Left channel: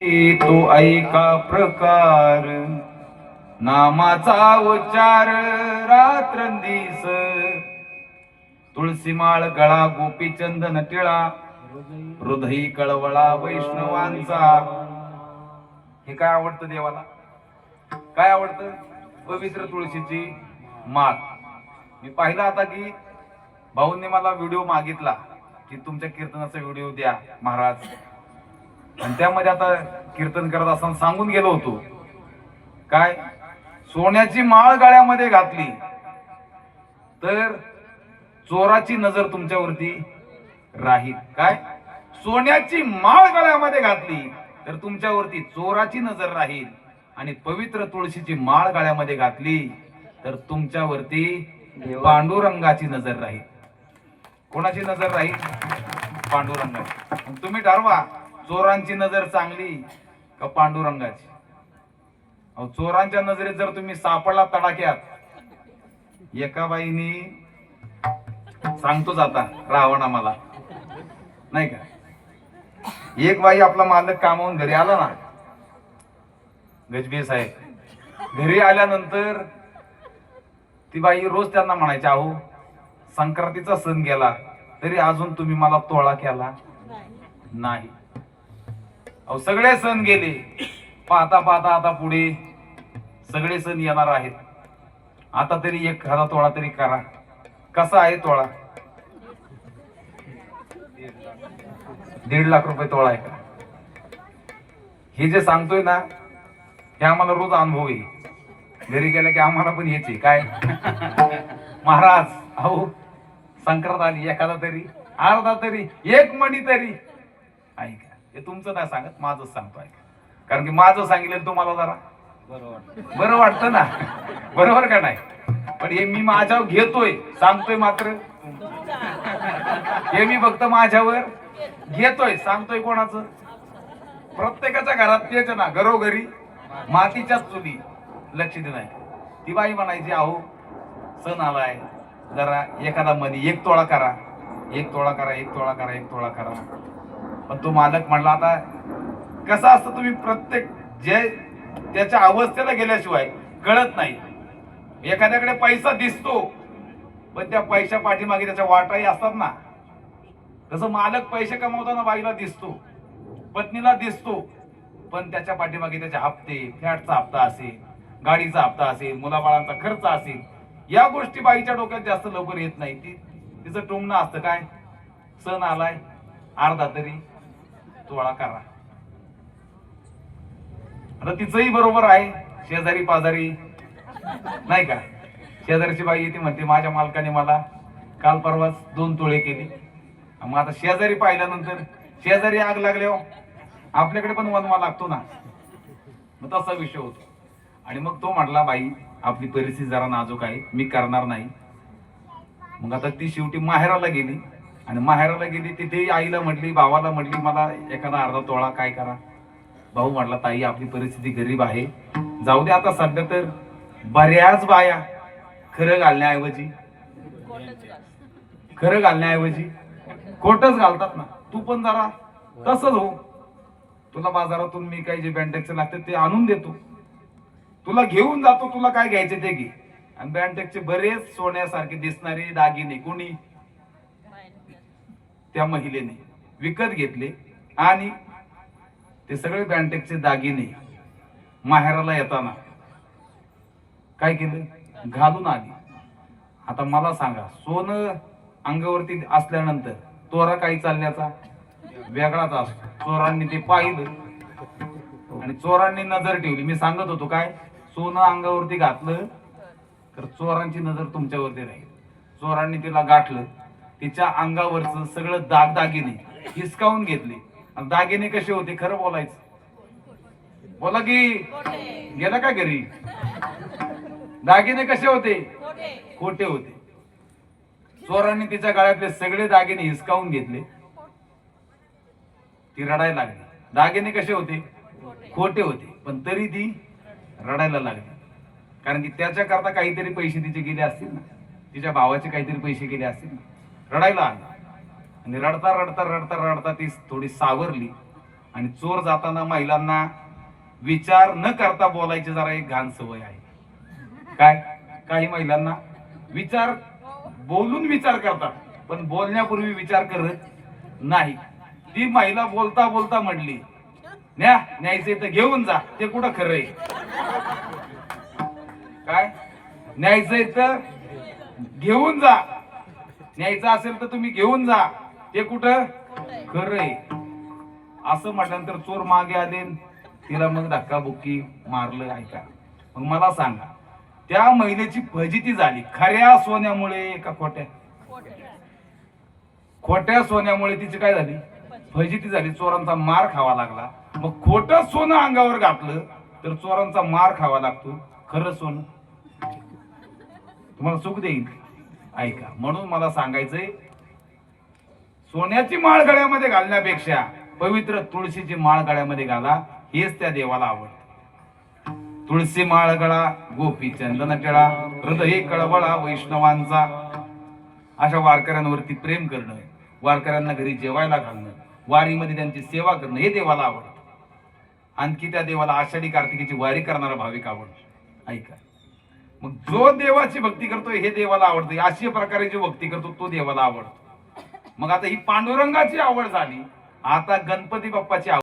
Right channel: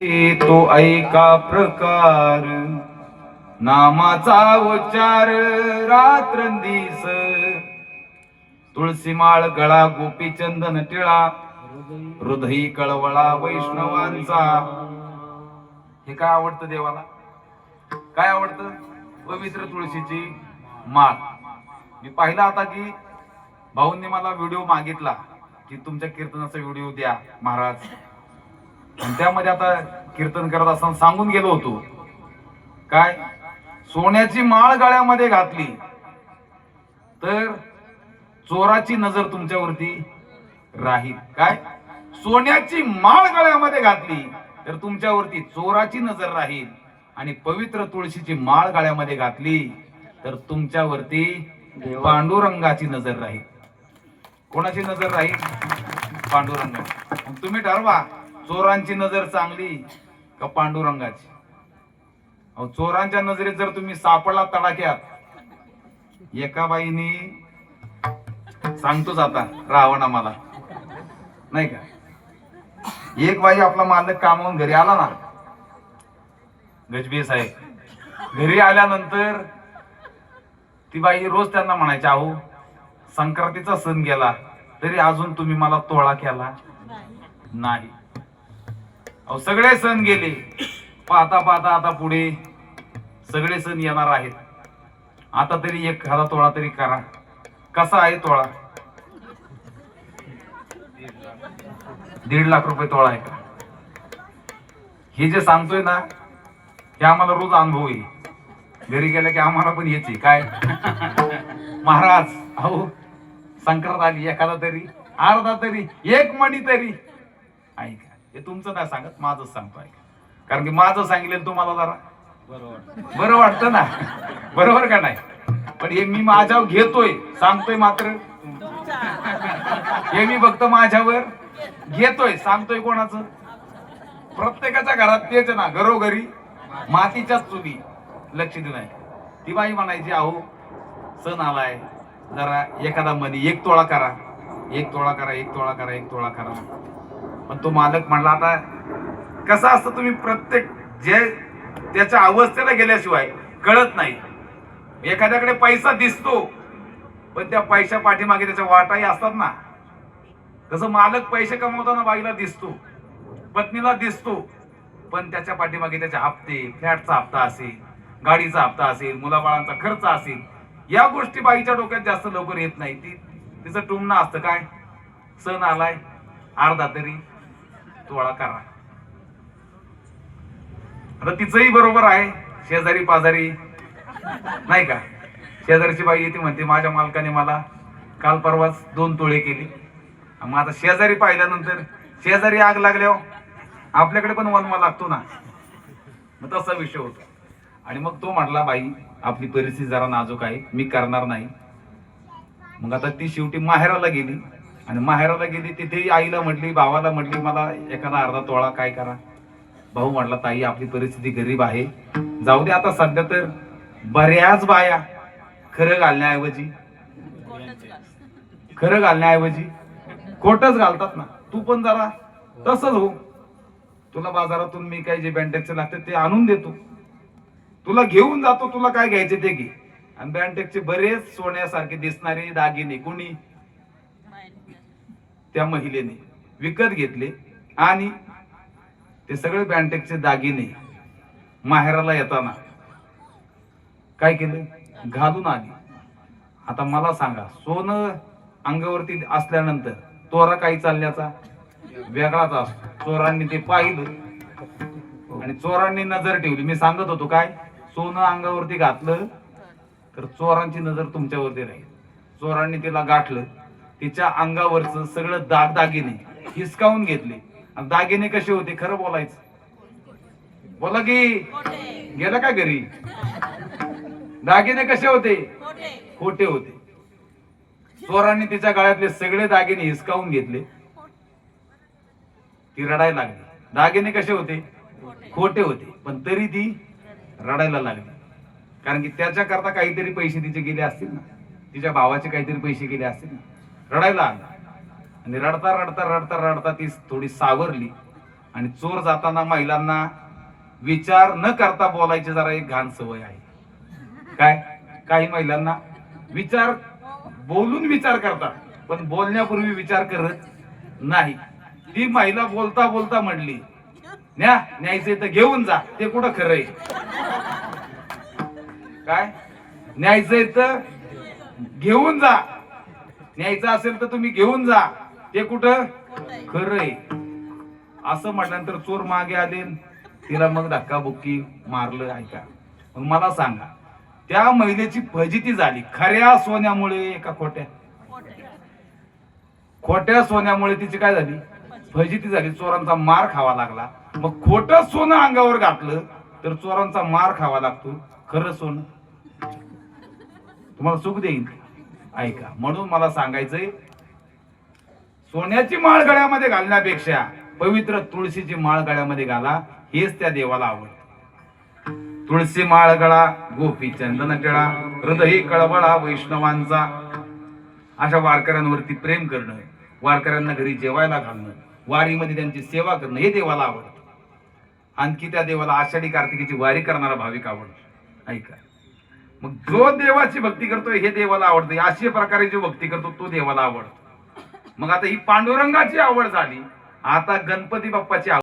तो ऐका प्रकार. नामाचा उच्चार रात्रंदिस तुळशी माळ गळा गोपीचंदन टिळा हृदयी कळवळा वैष्णवांचा. हे काय आवडतं देवाला? काय आवडतं? पवित्र तुळशीची माळ. मी पाहिला आता की भाऊंनी मला व्हिडिओ मागितला की तुमच्या कीर्तनाचा व्हिडिओ द्या महाराज. आणि त्यामध्ये आता कीर्तन करत असताना सांगून गेलो होतो. काय? सोन्याची माळ गळ्यामध्ये घातली. तर चोराची नजर तुमच्यावरती राहील. काय? सोन्याची माळ गळ्यामध्ये घातली. तर तुमच्यावरती चोराची नजर राहील. आणि पवित्र तुळशीची माळ गळ्यामध्ये घातली. तर तुमच्यावरती पांडुरंगाची नजर राहील. कोणाची नजर राहील? पांडुरंगाची. तुम्ही ठरवा. चोरांची नजर चांगली का पांडुरंगाची? अहो चोरांच्या नजरेत जर तुम्ही सापडला तडाक्यात एका बाईनी सांगतोच आता रावण आम्हाला. नाही का? एक बाई आपला मालक कामावून घरी आला ना गजबे साहेब घरी आल्यानंतर ती बाई रोज त्यांना म्हणायची अहो संक्रांतीचा सण गेला तरी अजून तुम्ही मला तोळा केला नाही. अहो सगळे सण गेले. पाहता पाहता आता पुढे सगळे सण येणार आहेत. आता तरी एक एखादा तोळा तरी करा. कसा आहे तोळा दीड लाख रुपये तोळा आहे का? हे जे सांगतोय ना हे आम्हाला रोज अनुभव येईल घरी गेलं की आम्हाला पण येते काय? महाराज अहो संक्रांत आली एखादा तरी अर्धा तरी एक मणी तरी. ऐक हे तुमचं नाही सांगत माझंच सांगतो ऐका. कारण की माझं सांगितलं तुम्हाला जरा. बरं वाटतं. ना? बरोबर का नाही? पण हे मी माझ्यावर घेतोय सांगतोय मात्र. हे मी फक्त माझ्यावर घेतोय सांगतोय कोणाचं? प्रत्येकाच्या घरात तेच ना घरोघरी मातीच्याच चुली. लक्ष नाही ती बाई म्हणायची अहो सण आलाय. जरा एखादा मनी एक तोळा करा. एक तोळा करा एक तोळा करा एक तोळा करा. पण तो मालक म्हणला आता कसं असतं तुम्ही प्रत्येक जे त्याच्या अवस्थेला गेल्याशिवाय कळत नाही. एखाद्याकडे पैसा दिसतो पण त्या पैशा पाठीमागे त्याच्या वाटाही असतात ना. तसं मालक पैसे कमवताना बाईला दिसतो पत्नीला दिसतो पण त्याच्या पाठीमागे त्याचे हप्ते फ्लॅटचा हप्ता असेल गाडीचा हप्ता असेल मुलाबाळांचा खर्च असेल या गोष्टी बाईच्या डोक्यात जास्त लवकर येत नाही. ती तिचं टुमणं असतं काय? सण आलाय अर्धा तरी. तोळा करा आता तिचंही बरोबर आहे शेजारी पाजारी नाही का? शेजारची बाई येते म्हणते माझ्या मालकाने मला काल परवाच दोन तुळे केली. मग आता शेजारी पाहिल्यानंतर शेजारी आग लागल्यावर हो. आपल्याकडे पण वनवा लागतो ना. मग तसा विषय होतो. आणि मग तो म्हटला बाई आपली परिस्थिती जरा नाजूक आहे. मी करणार नाही. मग आता ती शेवटी माहेराला गेली. आणि माहेराला गेली तिथेही आईला म्हटली भावाला म्हटली मला एखादा अर्धा तोळा काय करा. भाऊ म्हटला ताई आपली परिस्थिती गरीब आहे. जाऊ दे आता सध्या तर. बऱ्याच बाया खरं घालण्याऐवजी. खरं घालण्याऐवजी. खोटच घालतात ना. तू पण जरा तसंच हो. तुला बाजारातून मी काही जे बँडेजचे लागते ते आणून देतो. तुला घेऊन जातो तुला काय घ्यायचे ते घे. आणि बँडेजचे बरेच सोन्यासारखे दिसणारे दागिने कोणी त्या महिलेने विकत घेतले आणि ते सगळे बँटेकचे दागिने माहेराला येताना काय केले? घालून आली. आता मला सांगा सोनं अंगावरती असल्यानंतर तोरा काही चालण्याचा? वेगळाच असतो. चोरांनी ते पाहिलं आणि चोरांनी नजर ठेवली. मी सांगत होतो काय? सोनं अंगावरती घातलं तर चोरांची नजर तुमच्यावरती राहील. चोरांनी तिला गाठलं. तिच्या अंगावरच सगळं दागदागिने हिसकावून घेतले. दागिने कसे होते खरं बोलायचं? बोला की गेलं का घरी? दागिने कसे होते? खोटे होते. चोरांनी तिच्या गळ्यातले सगळे दागिने हिसकावून घेतले. ती रडायला लागली. दागिने कसे होते? खोटे होते. पण तरी ती रडायला लागली. कारण की त्याच्याकरता काहीतरी पैसे तिचे गेले असतील ना? तिच्या भावाचे काहीतरी पैसे गेले असतील ना? रडायला आला. आणि रडता रडता रडता रडता ती थोडी सावरली. आणि चोर जाताना महिलांना विचार न करता बोलायची जरा एक घाण सवय आहे. काय? काही महिलांना विचार बोलून विचार करतात पण बोलण्यापूर्वी विचार करत नाही. ती महिला बोलता बोलता म्हणली न्या न्यायचंय तर घेऊन जा ते कुठं खरंय काय? न्यायचंय तर घेऊन जा न्यायचं असेल तर तुम्ही घेऊन जा. ते कुठं? खरंय. असं म्हटल्यानंतर चोर मागे आले. तिला मग धक्काबुक्की मारलं ऐका. मग मला सांगा त्या महिलेची फजिती झाली. खऱ्या सोन्यामुळे का खोट्या? खोट्या. सोन्यामुळे तिची काय झाली? फजिती झाली. चोरांचा मार खावा लागला. मग खोटं सोनं अंगावर घातलं तर चोरांचा मार खावा लागतो. खरं सोनं? तुम्हाला सुख देईन. ऐका म्हणून मला सांगायचंय सोन्याची माळ गळ्यामध्ये घालण्यापेक्षा पवित्र तुळशीची माळ गळ्यामध्ये घाला हेच त्या देवाला आवडत. तुळशी माळ गळा गोपी चंदन केळा हृदय कळबळा वैष्णवांचा. अशा वारकऱ्यांवरती प्रेम करणं वारकऱ्यांना घरी जेवायला घालणं वारीमध्ये त्यांची सेवा करणं हे देवाला आवडतं. आणखी त्या देवाला आषाढी कार्तिकीची वारी करणारा भाविक आवडतो. ऐका. मग जो देवाची भक्ती करतो हे देवाला आवडतं. अशा प्रकारे जो भक्ती करतो तो देवाला आवडतो. मग आता ही पांडुरंगाची आवड झाली. आता गणपती बाप्पाची आवड